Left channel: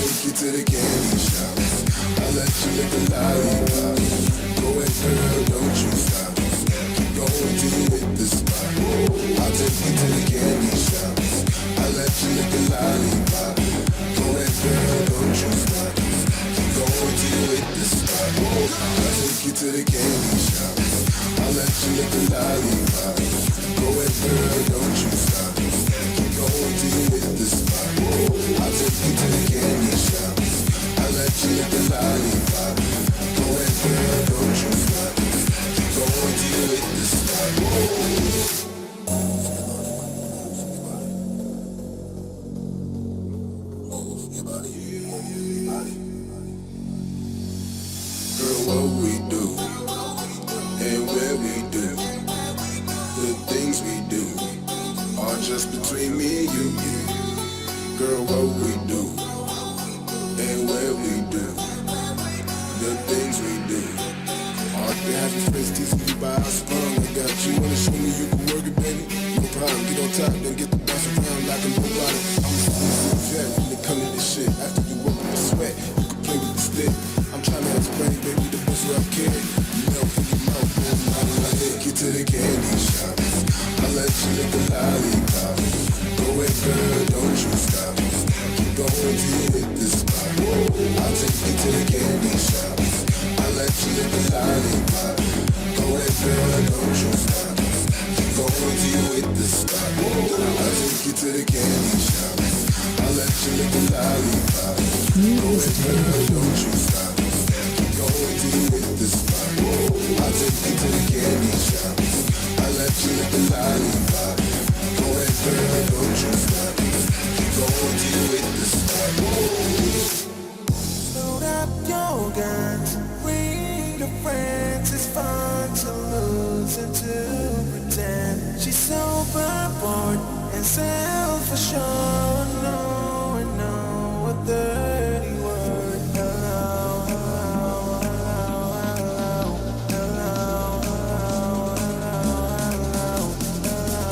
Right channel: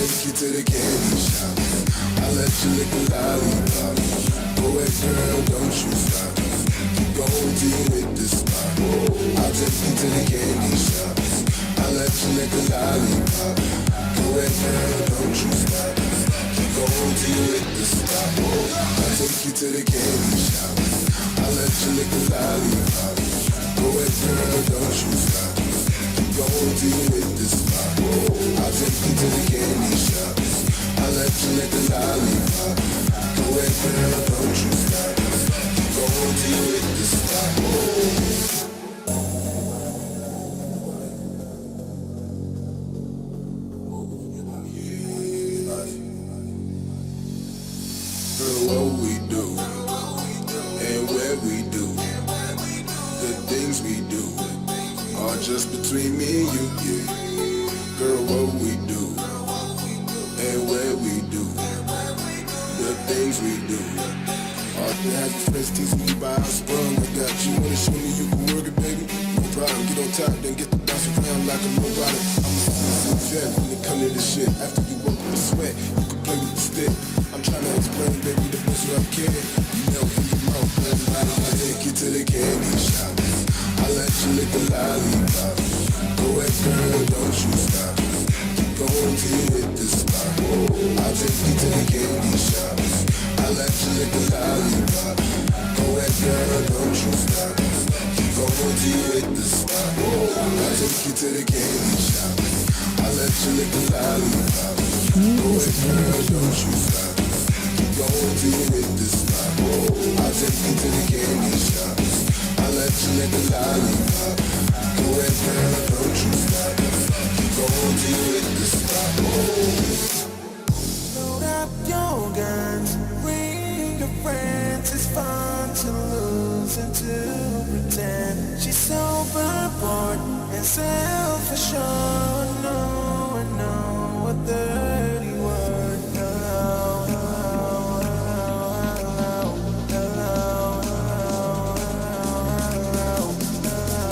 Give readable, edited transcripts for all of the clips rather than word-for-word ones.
Take you to the candy shop. I let you lick a lollipop. Go ahead, girl, don't you stop. Keep going till you hit the spot. I'll take you to the candy shop. I let you lick a lollipop. Go ahead, girl, don't you stop. Keep going till you hit the spot. I'll take you to the candy shop. I let you lick a lollipop. Go ahead, girl, don't you stop. Keep going till you hit the spot. I'll take you to the candy shop. I let you lick the lollipop. Go ahead, girl, don't you stop. Keep going till you hit the spot. Girl, what we do and where we do, the things we do are just between me and you. Girl, what we do and where we do, the things we do. All they have your friends teasing you by how sprung. I got you, wanna show me you can work it, baby? No problem, get on top, then get the bounce around like a nobody. I'm a seasoned vet when it come to this shit. After you work up a sweat, you can play with the stick. I'm trying to explain, baby, the best way I can. You melt in your mouth, man, I take you to the candy shop. I let you lick a lollipop. Go ahead, girl, don't you stop. Keep going till you hit the spot. I'll take you to the candy shop. I let you lick a lollipop. Go ahead, girl, don't you stop. Keep going till you hit the spot. I'll take you to the candy shop. I let you lick a lollipop. Go ahead, girl, don't you stop. Keep going till you hit the spot. I'll take you to the candy shop. I let you lick a lollipop. Go ahead, girl, don't you stop. Keep going till you hit the spot. Load up your guns, bring your friends. It's fun to lose and to pretend. She's overboard and self-assured. No, I know a dirty word. Hello, hello, hello, hello, hello, hello,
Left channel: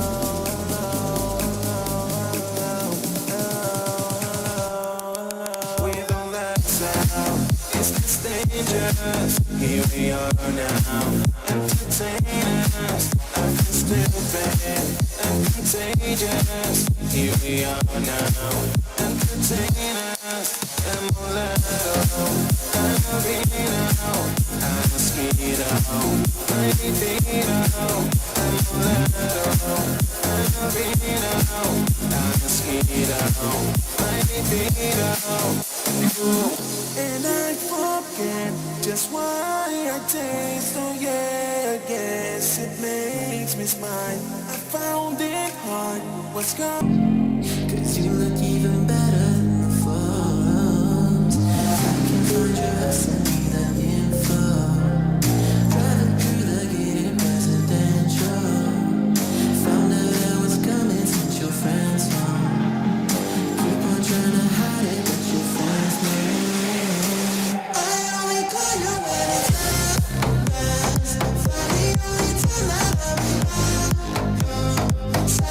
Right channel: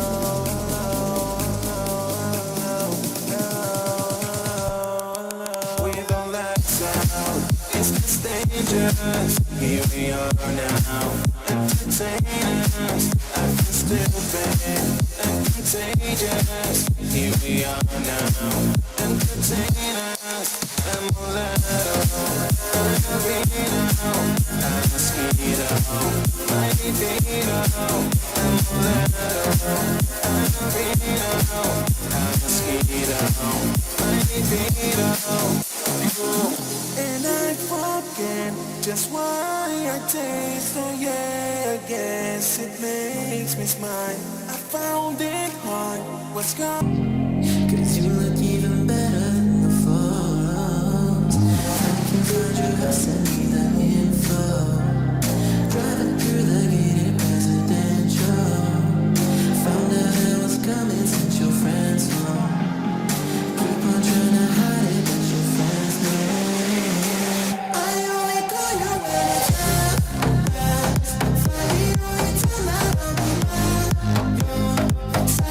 hello, hello. With all that sound, it's just dangerous. Here we are now, entertainers. I can still be and contagious. Here we are now, entertainers. And mulatto, and a vino, and a mosquito, my vino. And mulatto, and a vino, and a mosquito, my vino. And I forget just why I taste. Oh yeah, I guess it makes me smile. I found it hard, what's gone? Cause you look even better than the photos. I can find your house, send me the info. Driving through the gated residential. Found out I was coming since your friend's home. Keep on trying to hide it, but your friends know. I only call you when it's best. Find me only tonight, I'll be back. Said I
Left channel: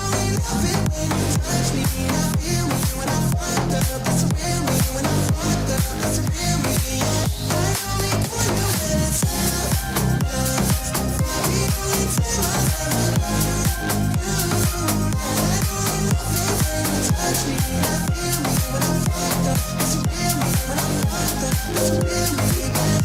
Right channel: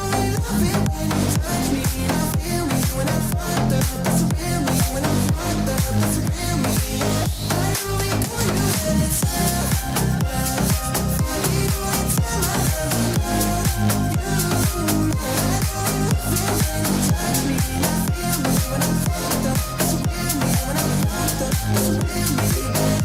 only love it when you touch me. Now feel me when I'm fucked up. That's the real me when I'm fucked up. That's the real me. I only call you when it's best. Find me only tonight, I'll be back. I only love it when you touch me. Now feel me when I'm fucked up. That's the real me when I'm fucked up. That's the real me, babe.